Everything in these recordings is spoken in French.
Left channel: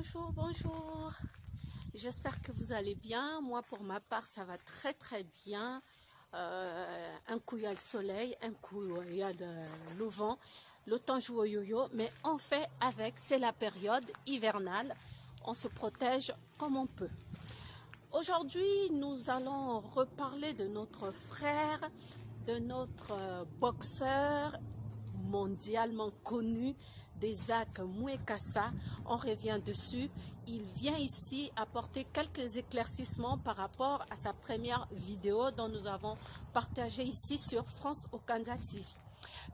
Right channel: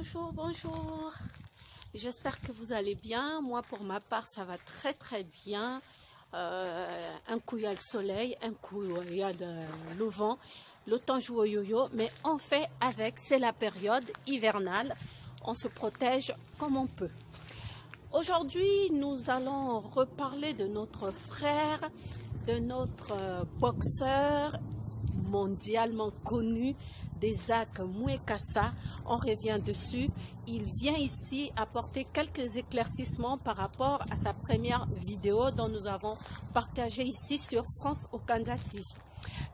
Bonjour, bonjour. J'espère que vous allez bien. Moi, pour ma part, ça va très très bien. Un coup, il y a le soleil, un coup, il y a le vent. Le temps joue au yo-yo, mais on fait avec. C'est la période hivernale. On se protège comme on peut. Aujourd'hui, nous allons reparler de notre frère, de notre boxeur mondialement connu, d'Isaac Mouekassa. On revient dessus. Il vient ici apporter quelques éclaircissements par rapport à sa première vidéo dont nous avons partagé ici sur France Okanda TV.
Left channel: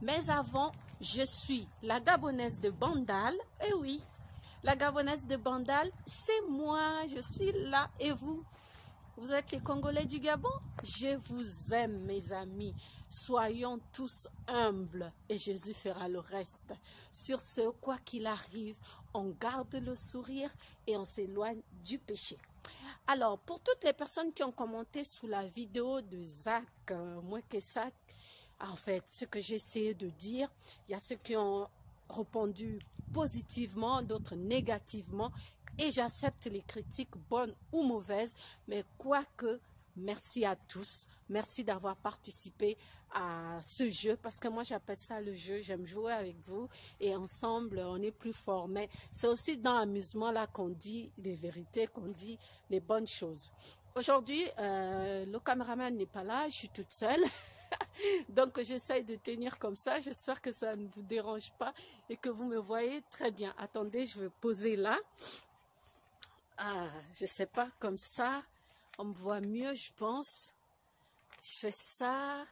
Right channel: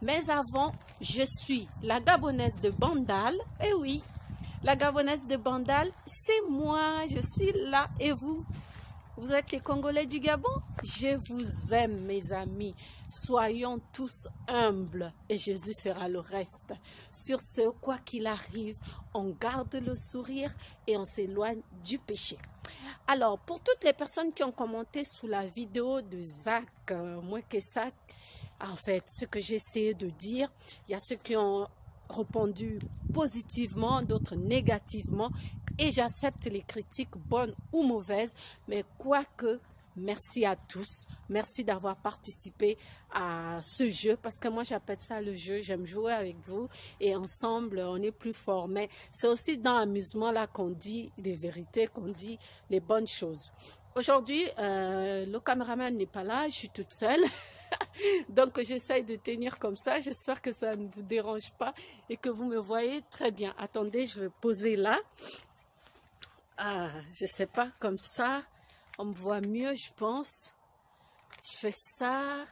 Mais avant, je suis la Gabonaise de Bandal. Eh oui, la Gabonaise de Bandal, c'est moi. Je suis là. Et vous? Vous êtes les Congolais du Gabon? Je vous aime, mes amis. Soyons tous humbles et Jésus fera le reste. Sur ce, quoi qu'il arrive, on garde le sourire et on s'éloigne du péché. Alors, pour toutes les personnes qui ont commenté sous la vidéo de Isaac Mouekassa, en fait, ce que j'ai essayé de dire, il y a ceux qui ont répondu positivement, d'autres négativement, et j'accepte les critiques bonnes ou mauvaises, mais quoique, merci à tous, merci d'avoir participé à ce jeu, parce que moi j'appelle ça le jeu, j'aime jouer avec vous, et ensemble on est plus fort, mais c'est aussi dans l'amusement là qu'on dit les vérités, qu'on dit les bonnes choses. Aujourd'hui, le caméraman n'est pas là, je suis toute seule. Donc j'essaye de tenir comme ça, j'espère que ça ne vous dérange pas et que vous me voyez très bien. Attendez, je vais poser là. Je sais pas, comme ça, on me voit mieux, je pense. Je fais ça.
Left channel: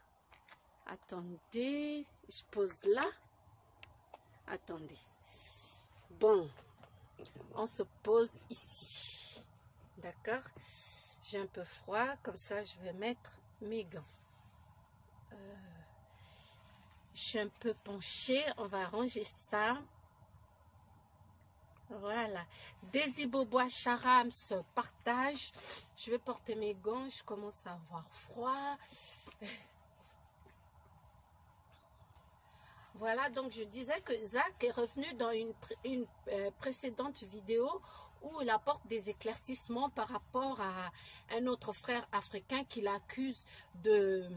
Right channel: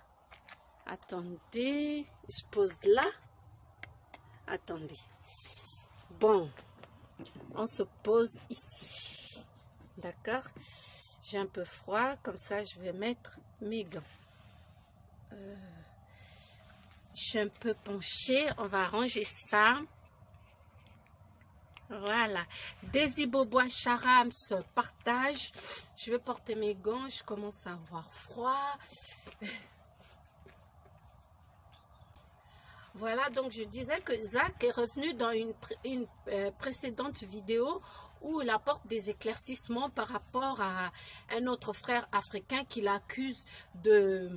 Attendez, je pose là. Attendez. Bon, on se pose ici. D'accord? J'ai un peu froid, comme ça je vais mettre mes gants. Je suis un peu penchée, on va arranger ça. Voilà. Desi Bobois Charams partage. Je vais porter mes gants, je commence à avoir froid. Voilà, donc je disais que Zach est revenu dans une précédente vidéo où il apporte des éclaircissements par rapport à un autre frère africain qui l'accuse de,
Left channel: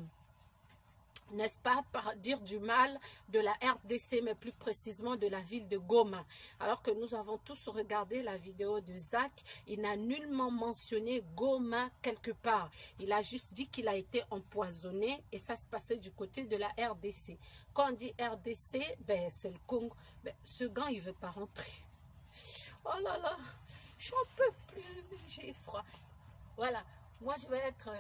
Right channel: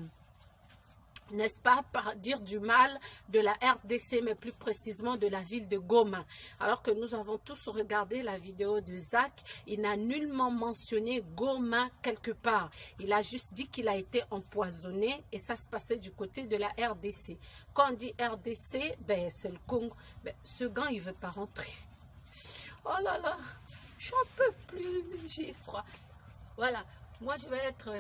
n'est-ce pas, par dire du mal de la RDC, mais plus précisément de la ville de Goma. Alors que nous avons tous regardé la vidéo de Zach, il n'a nullement mentionné Goma quelque part. Il a juste dit qu'il a été empoisonné et ça se passait du côté de la RDC. Quand on dit RDC, ben, c'est le Congo. Ben, ce gant, il ne veut pas rentrer. Oh là là, j'en peux plus, j'ai froid. Voilà, moi je vais être...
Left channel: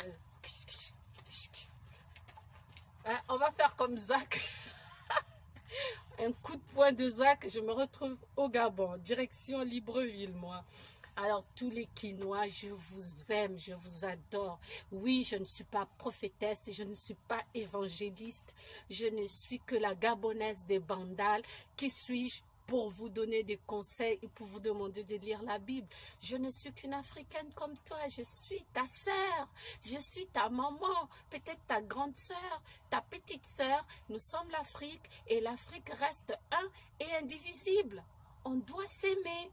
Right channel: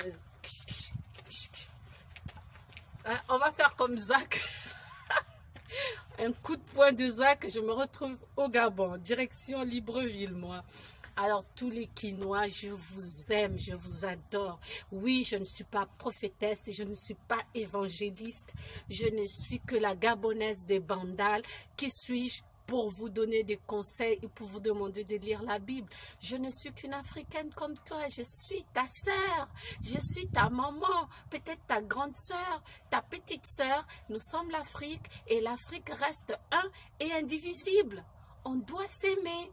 on va faire comme Zach. Un coup de poing de Zach, je me retrouve au Gabon, direction Libreville, moi. Alors, tous les Quinois, je vous aime, je vous adore. Oui, je ne suis pas prophétesse, je ne suis pas évangéliste. Je ne suis que la Gabonaise des Bandal. Qui suis-je pour vous donner des conseils et pour vous demander de lire la Bible? Je ne suis qu'une Africaine comme toi. Je suis ta sœur. Je suis ta maman. Peut-être ta grande sœur, ta petite sœur. Nous sommes l'Afrique et l'Afrique reste un et indivisible. On doit s'aimer.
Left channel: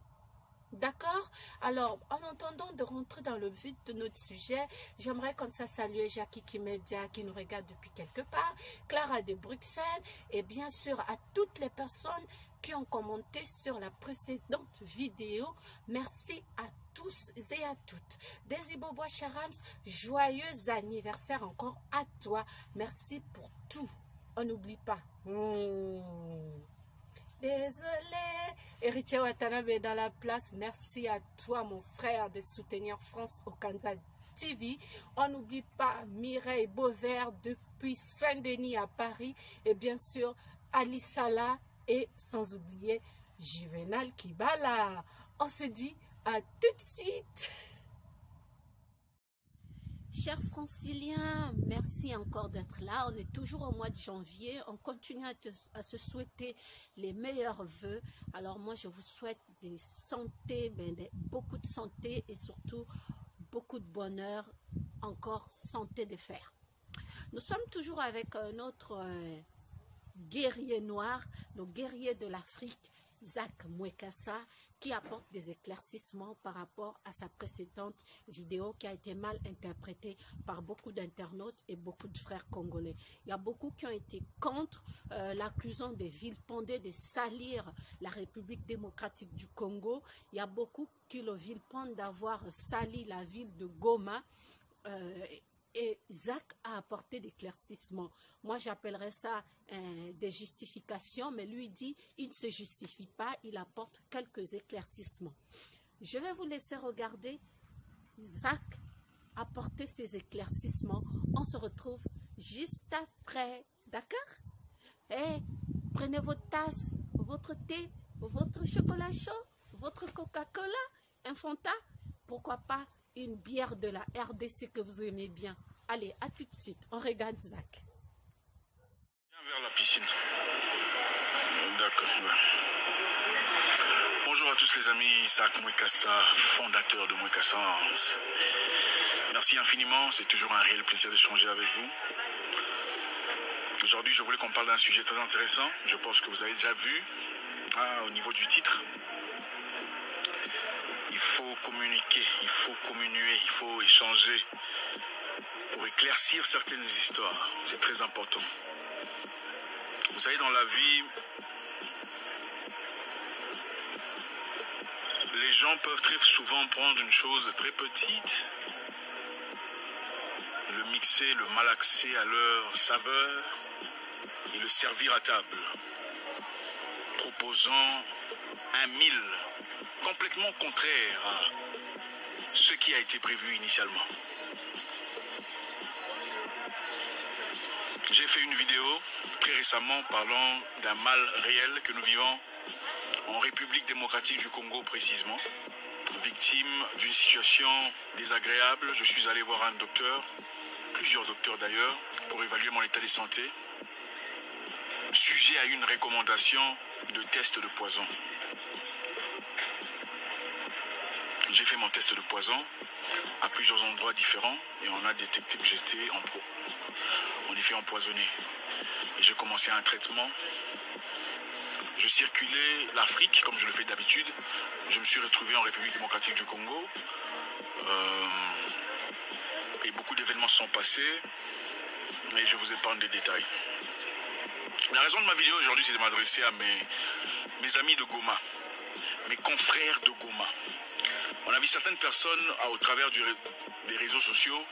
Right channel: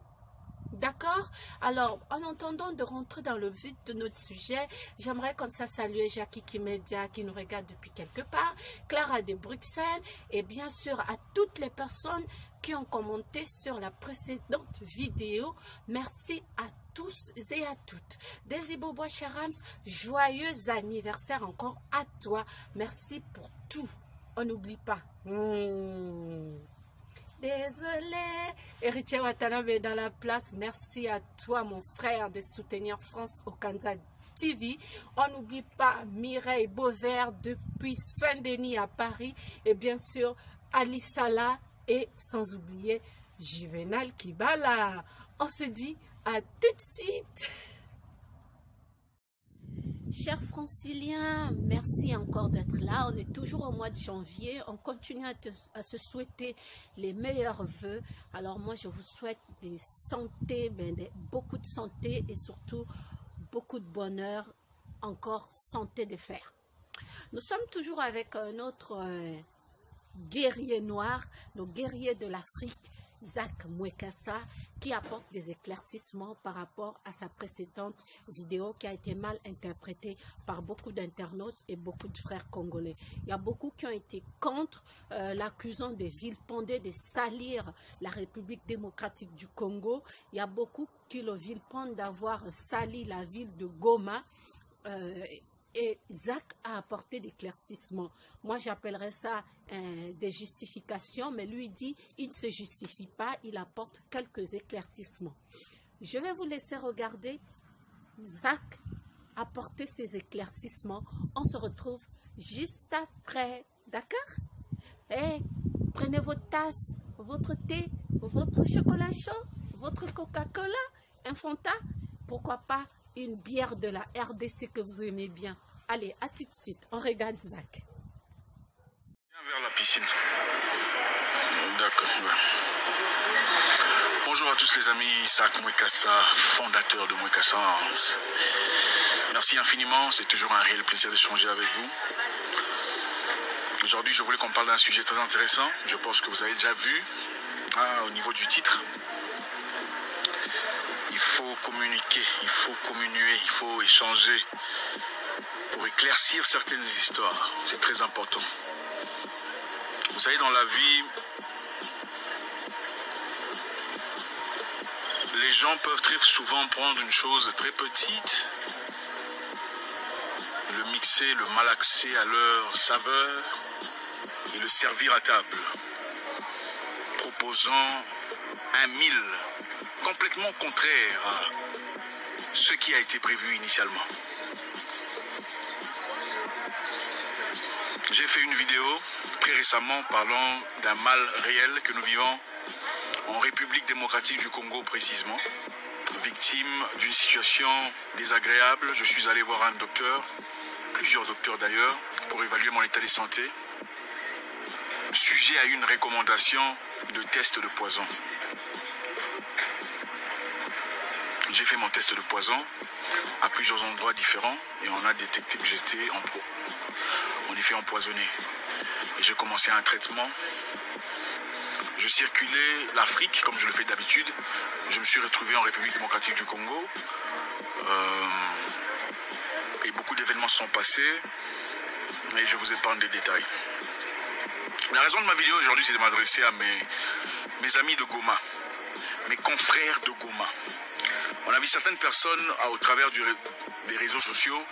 D'accord? Alors, en entendant de rentrer dans le vif de notre sujet, j'aimerais comme ça saluer Jackie Kimedia qui nous regarde depuis quelque part, Clara de Bruxelles et bien sûr à toutes les personnes qui ont commenté sur la précédente vidéo. Merci à tous et à toutes. Desi Bobois Charams, joyeux anniversaire encore à toi. Merci pour tout. On n'oublie pas. Désolé, Héritier Watanabe est dans la place. Merci à toi, mon frère, de soutenir France Okanda TV. On n'oublie pas Mireille Beauvert depuis Saint-Denis à Paris. Et bien sûr, Ali Salah et sans oublier Juvenal Kibala. On se dit à tout de suite. Chers franciliens, merci encore d'être là. On est toujours au mois de janvier. On continue à se souhaiter les meilleurs vœux. Alors moi, je vous souhaite des santé, beaucoup de santé et surtout beaucoup de bonheur. Encore santé de fer. Nous sommes toujours avec un autre guerrier noir, nos guerriers de l'Afrique. Zach Mwekassa, qui apporte des éclaircissements par rapport à sa précédente vidéo qui a été mal interprétée par beaucoup d'internautes et beaucoup de frères congolais. Il y a beaucoup qui ont été contre l'accusant de vilipender, de salir la République démocratique du Congo. Il y a beaucoup qui le vilipendent d'avoir sali la ville de Goma. Et Zach a apporté des éclaircissements. Moi, j'appellerais ça des justifications, mais lui dit, il ne se justifie pas, il apporte quelques éclaircissements. Je vais vous laisser regarder Zach apporter ses éclaircissements. On se retrouve juste après, d'accord? Prenez votre tasse, votre thé, votre chocolat chaud, votre Coca-Cola, un Fanta, pourquoi pas une bière de la RDC que vous aimez bien. Allez, à tout de suite. On regarde Zach. Viens vers la piscine. D'accord. Bonjour à tous les amis, Zach Mwekassa, fondateur de Mwekassa. Merci infiniment, c'est toujours un réel plaisir d'échanger avec vous. Aujourd'hui, je voulais qu'on parle d'un sujet très intéressant. Je pense que vous avez déjà vu au niveau du titre. Il faut communiquer, il faut communier, il faut échanger pour éclaircir certaines histoires. C'est très important. Vous savez, dans la vie, les gens peuvent très souvent prendre une chose très petite, le mixer, le malaxer à leur saveur et le servir à table, proposant un mille complètement contraire à ce qui a été prévu initialement. J'ai fait une vidéo très récemment parlant d'un mal réel que nous vivons en République démocratique du Congo précisément, victime d'une situation désagréable. Je suis allé voir un docteur, plusieurs docteurs d'ailleurs, pour évaluer mon état de santé, sujet à une recommandation de test de poison. J'ai fait mon test de poison à plusieurs endroits différents et on a détecté que j'étais en effet empoisonné. Et j'ai commencé un traitement. Je circulais l'Afrique comme je le fais d'habitude. Je me suis retrouvé en République démocratique du Congo. Et beaucoup d'événements sont passés. Et je vous épargne des détails. La raison de ma vidéo aujourd'hui, c'est de m'adresser à mes amis de Goma, mes confrères de Goma. On a vu certaines personnes au travers des réseaux sociaux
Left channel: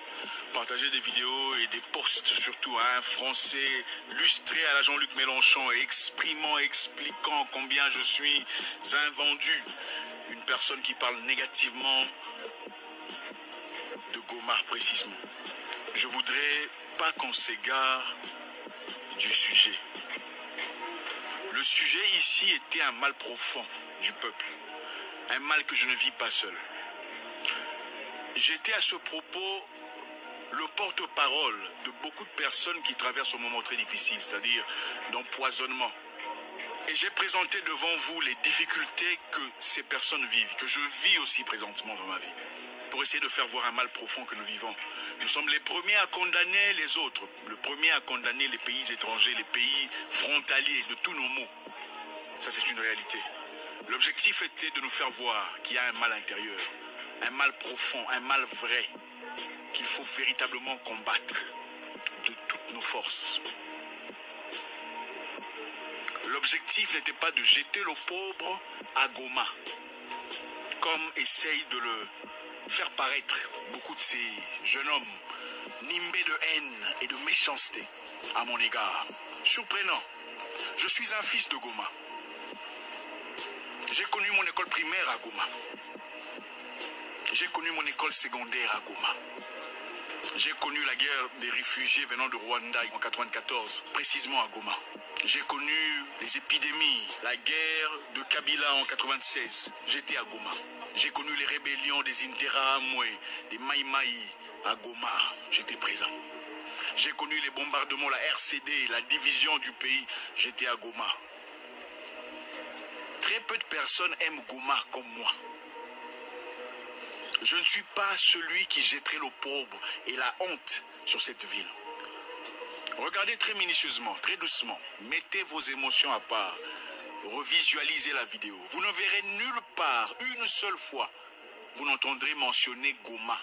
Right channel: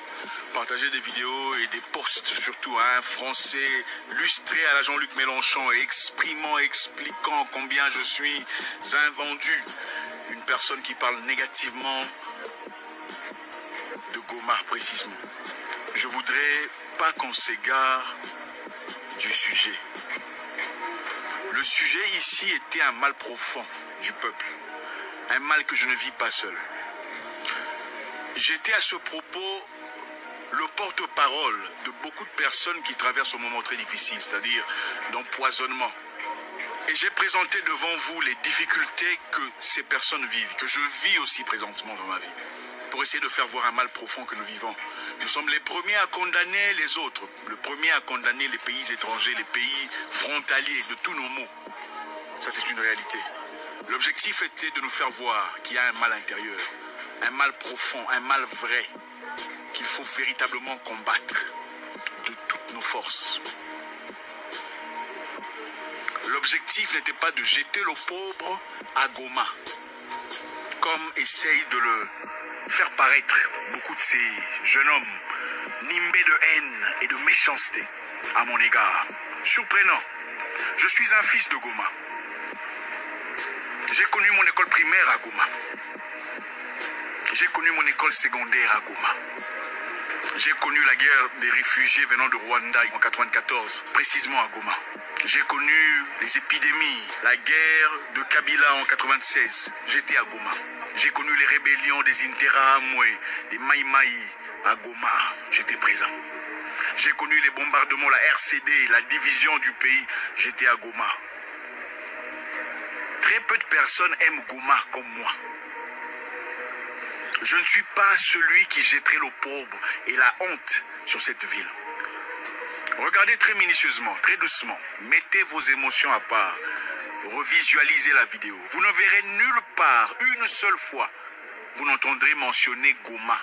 partager des vidéos et des posts, surtout à un Français lustré à la Jean-Luc Mélenchon, expliquant combien je suis invendu. Une personne qui parle négativement de Goma précisément. Je voudrais pas qu'on s'égare du sujet. Le sujet ici était un mal profond du peuple. Un mal que je ne vis pas seul. J'étais à ce propos le porte-parole de beaucoup de personnes qui traversent un moment très difficile, c'est-à-dire d'empoisonnement. Et j'ai présenté devant vous les difficultés que ces personnes vivent, que je vis aussi présentement dans ma vie, pour essayer de faire voir un mal profond que nous vivons. Nous sommes les premiers à condamner les autres, le premier à condamner les pays étrangers, les pays frontaliers de tous nos maux. Ça, c'est une réalité. L'objectif était de nous faire voir qu'il y a un mal intérieur, un mal profond, un mal vrai, qu'il faut véritablement combattre de toutes nos forces. L'objectif n'était pas de jeter le pauvre à Goma, comme essayent de le faire paraître beaucoup de ces jeunes hommes, nimbés de haine et de méchanceté à mon égard. Surprenant, je suis un fils de Goma. J'ai connu mon école primaire à Goma. J'ai connu mon école secondaire à Goma. J'ai connu la guerre des réfugiés venant de Rwanda en 1994, précisément à Goma. J'ai connu les épidémies, la guerre de Kabila en 1996. J'étais à Goma. J'ai connu les rébellions des Interahamwe, des Maï Maï à Goma. J'étais présent. J'ai connu les bombardements, la RCD, la division du pays. J'étais à Goma. Très peu de personnes aiment Goma comme moi. Je ne suis pas celui qui jetterait l'opprobre et la honte sur cette ville. Regardez très minutieusement, très doucement. Mettez vos émotions à part. Revisualisez la vidéo. Vous ne verrez nulle part, une seule fois, vous n'entendrez mentionner Goma.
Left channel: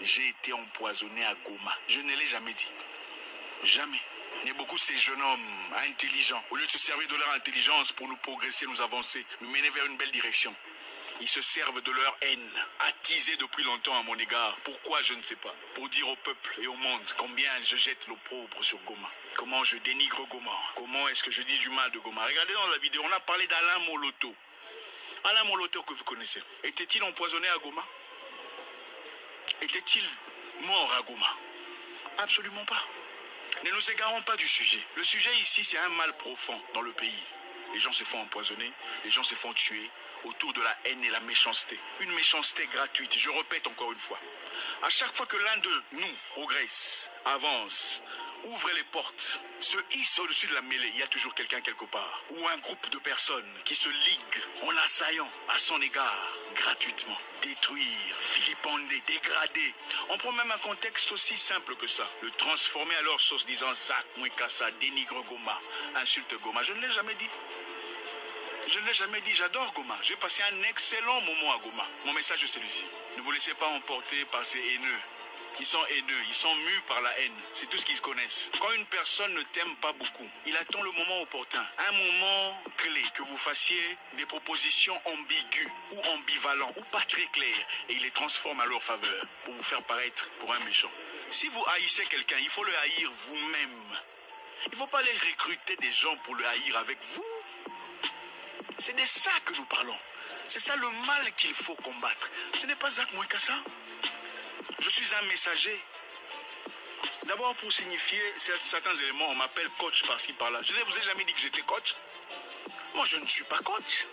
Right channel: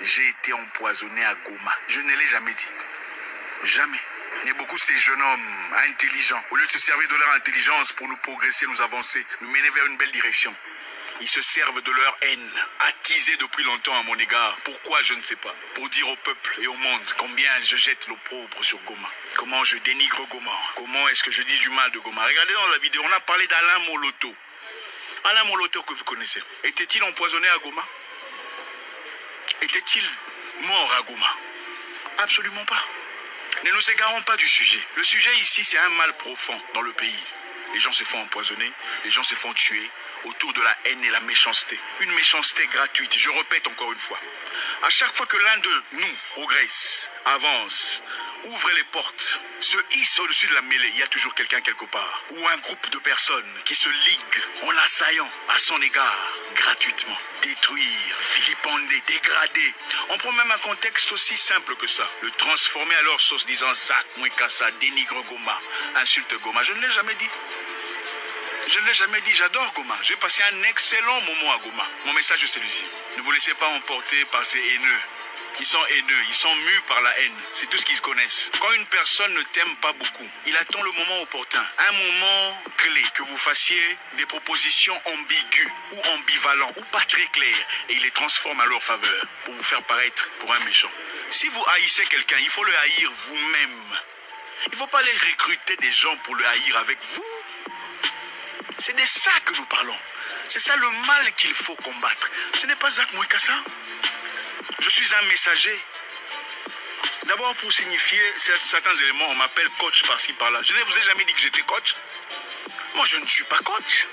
J'ai été empoisonné à Goma. Je ne l'ai jamais dit. Jamais. Il y a beaucoup de ces jeunes hommes intelligents. Au lieu de se servir de leur intelligence pour nous progresser, nous avancer, nous mener vers une belle direction, ils se servent de leur haine, attisée depuis longtemps à mon égard. Pourquoi, je ne sais pas. Pour dire au peuple et au monde combien je jette l'opprobre sur Goma. Comment je dénigre Goma. Comment est-ce que je dis du mal de Goma. Regardez dans la vidéo, on a parlé d'Alain Moloto. Alain Moloto que vous connaissez. Était-il empoisonné à Goma? Était-il mort à Goma? Absolument pas. Ne nous égarons pas du sujet. Le sujet ici, c'est un mal profond dans le pays. Les gens se font empoisonner, les gens se font tuer autour de la haine et la méchanceté. Une méchanceté gratuite, je répète encore une fois. À chaque fois que l'un de nous progresse, avance, ouvre les portes, se hisse au-dessus de la mêlée, il y a toujours quelqu'un quelque part. Ou un groupe de personnes qui se liguent en assaillant à son égard, gratuitement. Détruire, vilipender, dégrader. On prend même un contexte aussi simple que ça. Le transformer à leur sauce disant Zak Mouekassa, dénigre Goma, insulte Goma. Je ne l'ai jamais dit. Je ne l'ai jamais dit, j'adore Goma. J'ai passé un excellent moment à Goma. Mon message est celui-ci. Ne vous laissez pas emporter par ces haineux. Ils sont haineux, ils sont mus par la haine. C'est tout ce qu'ils connaissent. Quand une personne ne t'aime pas beaucoup, il attend le moment opportun. Un moment clé, que vous fassiez des propositions ambiguës ou ambivalentes ou pas très claires. Et il les transforme à leur faveur pour vous faire paraître pour un méchant. Si vous haïssez quelqu'un, il faut le haïr vous-même. Il ne faut pas aller recruter des gens pour le haïr avec vous. C'est de ça que nous parlons. C'est ça le mal qu'il faut combattre. Ce n'est pas Zak Mouekassa. Je suis un messager. D'abord pour signifier certains éléments, on m'appelle coach par-ci par-là. Je ne vous ai jamais dit que j'étais coach. Moi, je ne suis pas coach.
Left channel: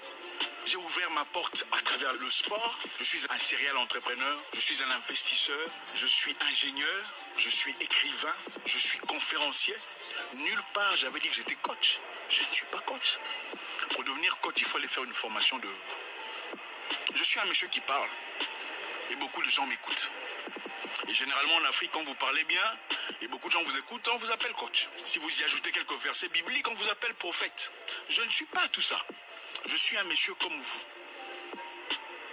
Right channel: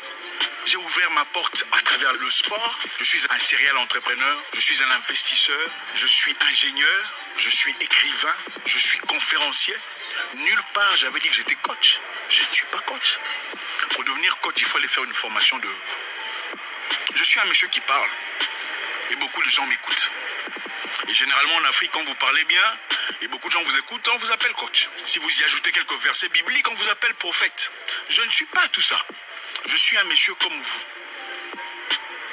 J'ai ouvert ma porte à travers le sport. Je suis un serial entrepreneur. Je suis un investisseur. Je suis ingénieur. Je suis écrivain. Je suis conférencier. Nulle part, j'avais dit que j'étais coach. Je ne suis pas coach. Pour devenir coach, il faut aller faire une formation de... Je suis un monsieur qui parle. Et beaucoup de gens m'écoutent. Et généralement en Afrique, quand vous parlez bien, et beaucoup de gens vous écoutent, on vous appelle coach. Si vous y ajoutez quelques versets bibliques, on vous appelle prophète. Je ne suis pas tout ça. Je suis un monsieur comme vous,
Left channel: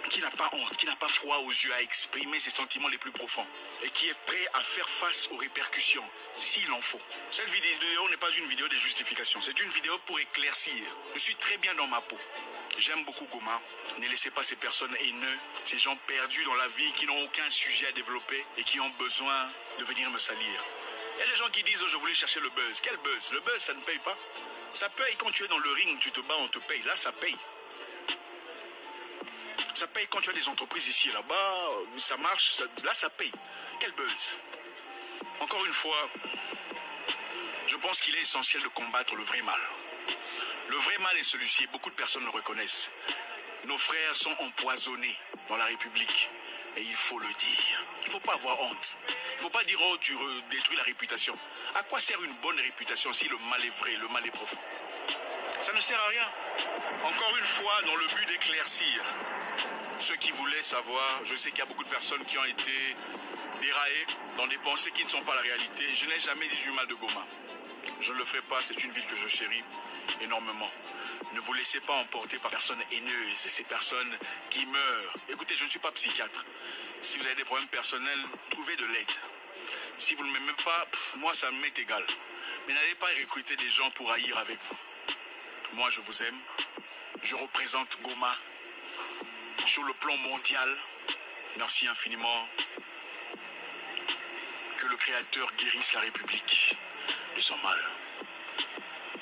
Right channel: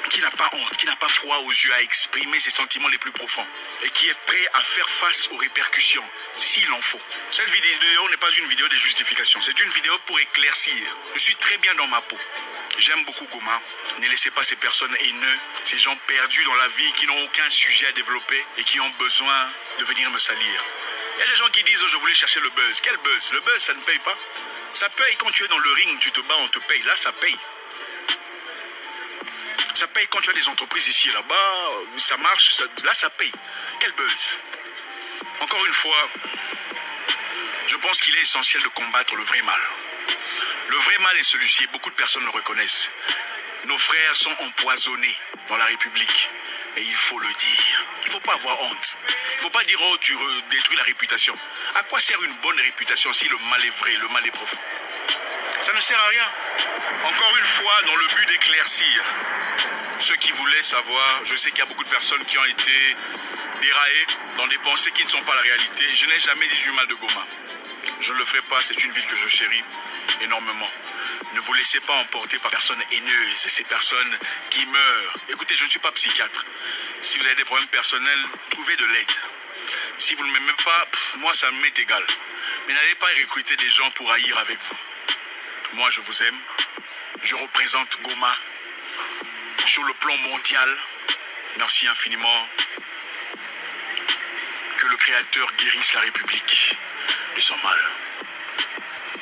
qui n'a pas honte, qui n'a pas froid aux yeux à exprimer ses sentiments les plus profonds, et qui est prêt à faire face aux répercussions, s'il en faut. Cette vidéo n'est pas une vidéo de justification, c'est une vidéo pour éclaircir. Je suis très bien dans ma peau. J'aime beaucoup Goma. Ne laissez pas ces personnes haineuses, ces gens perdus dans la vie qui n'ont aucun sujet à développer et qui ont besoin de venir me salir. Il y a des gens qui disent oh, je voulais chercher le buzz. Quel buzz? Le buzz, ça ne paye pas. Ça paye quand tu es dans le ring, tu te bats, on te paye. Là, ça paye. Ça paye quand tu as des entreprises ici et là-bas. Ça marche. Là, ça paye. Quel buzz? Encore une fois, je pense qu'il est essentiel de combattre le vrai mal. Le vrai mal est celui-ci, et beaucoup de personnes le reconnaissent. Nos frères sont empoisonnés dans la République. Et il faut le dire. Il ne faut pas avoir honte. Il ne faut pas dire, oh, tu détruis la réputation. À quoi sert une bonne réputation si le mal est vrai, le mal est profond? Ça ne sert à rien. Encore une fois, dans le but d'éclaircir ceux qui voulaient savoir, je sais qu'il y a beaucoup de personnes qui ont été déraillées dans des pensées qui ne sont pas la réalité. Je n'ai jamais dit du mal de Goma. Je ne le ferai pas, c'est une ville que je chéris énormément. Ne vous laissez pas emporter par personnes haineuses, ces personnes qui meurent. Écoutez, je ne suis pas psychiatre. Si vous avez des problèmes personnels, trouvez de l'aide. Si vous ne m'aimez pas, moi ça m'est égal. Mais n'allez pas recruter des gens pour haïr avec vous. Moi je vous aime. Je représente Goma sur le plan mondial. Merci infiniment. Que le Créateur guérisse la République de son mal.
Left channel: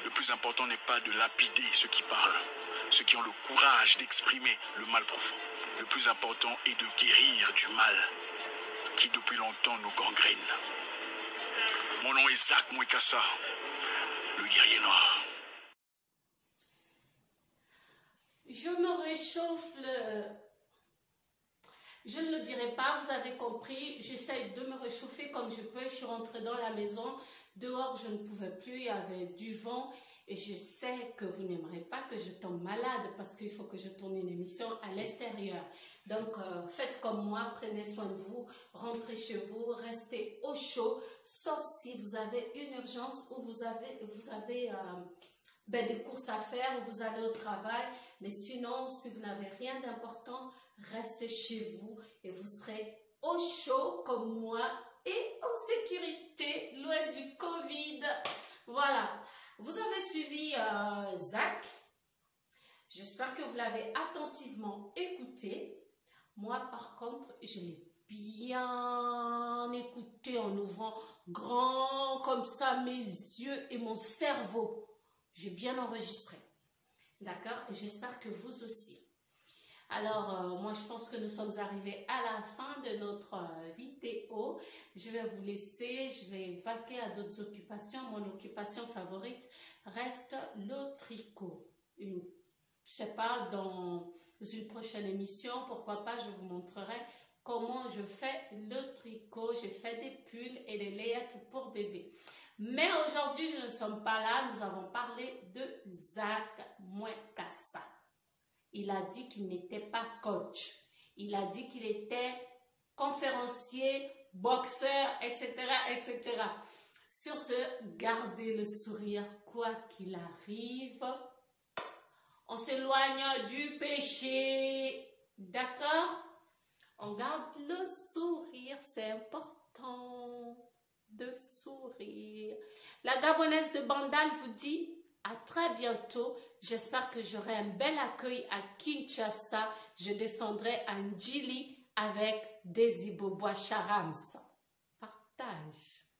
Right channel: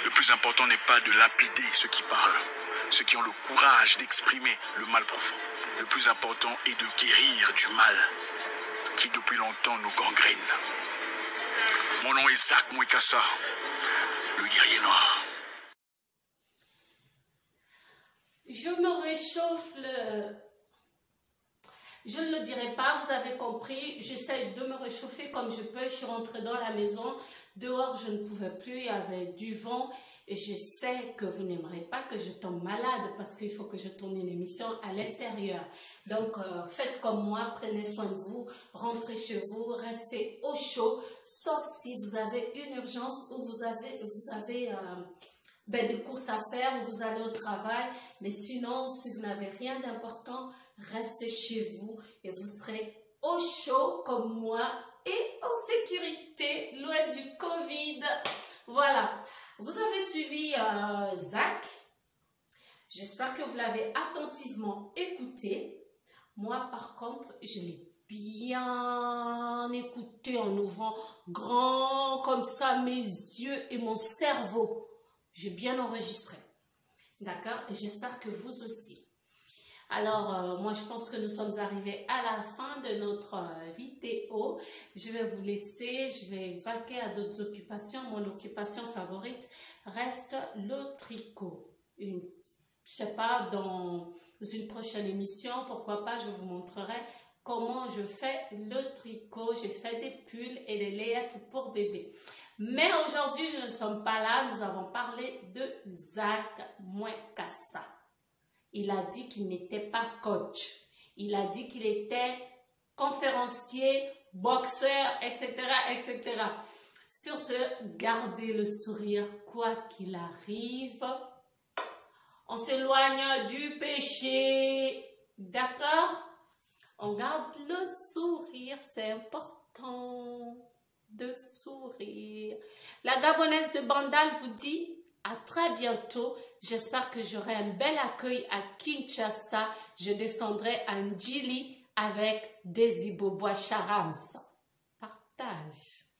Le plus important n'est pas de lapider ceux qui parlent, ceux qui ont le courage d'exprimer le mal profond. Le plus important est de guérir du mal qui depuis longtemps nous gangrène. Mon nom est Zak Mouekassa, le guerrier noir. Je me réchauffe Je ne le dirai pas, vous avez compris, j'essaie de me réchauffer comme je peux. Je suis rentrée dans la maison, dehors je ne pouvais plus, il y avait du vent et je sais que vous n'aimerez pas que je tombe malade parce qu'il faut que je tourne une émission à l'extérieur. Donc faites comme moi, prenez soin de vous, rentrez chez vous, restez au chaud, sauf si vous avez une urgence ou vous avez des courses à faire, vous allez au travail. Mais sinon, si vous n'avez rien d'important, restez chez vous et vous serez au chaud comme moi et en sécurité, loin du Covid. Voilà. Vous avez suivi Zach. J'espère que vous l'avez attentivement écouté. Moi, par contre, je l'ai bien écouté en ouvrant grand comme ça mes yeux et mon cerveau. J'ai bien enregistré. D'accord? Et j'espère que vous aussi. Alors, moi, je pense que nous sommes arrivés à la fin de notre vidéo. Je vais vous laisser. Je vais vaquer à d'autres occupations. Mon occupation favorite reste le tricot. Je sais pas, dans une prochaine émission, pourquoi pas, je vous montrerai comment je fais le tricot. J'ai fait des pulls et des layettes pour bébé. Mais aujourd'hui, nous ne sommes pas là. Nous avons parlé de Zach Mwekassa. Il a dit qu'il n'était pas coach. Il a dit qu'il était conférencier, boxeur, etc., etc. Sur ce, gardez le sourire, quoi qu'il arrive. On s'éloigne du péché. D'accord? On garde le sourire, c'est important de sourire. La Gabonaise de Bandal vous dit à très bientôt. J'espère que j'aurai un bel accueil à Kinshasa. Je descendrai à Ndjili avec des Ibobois Charams. Partage.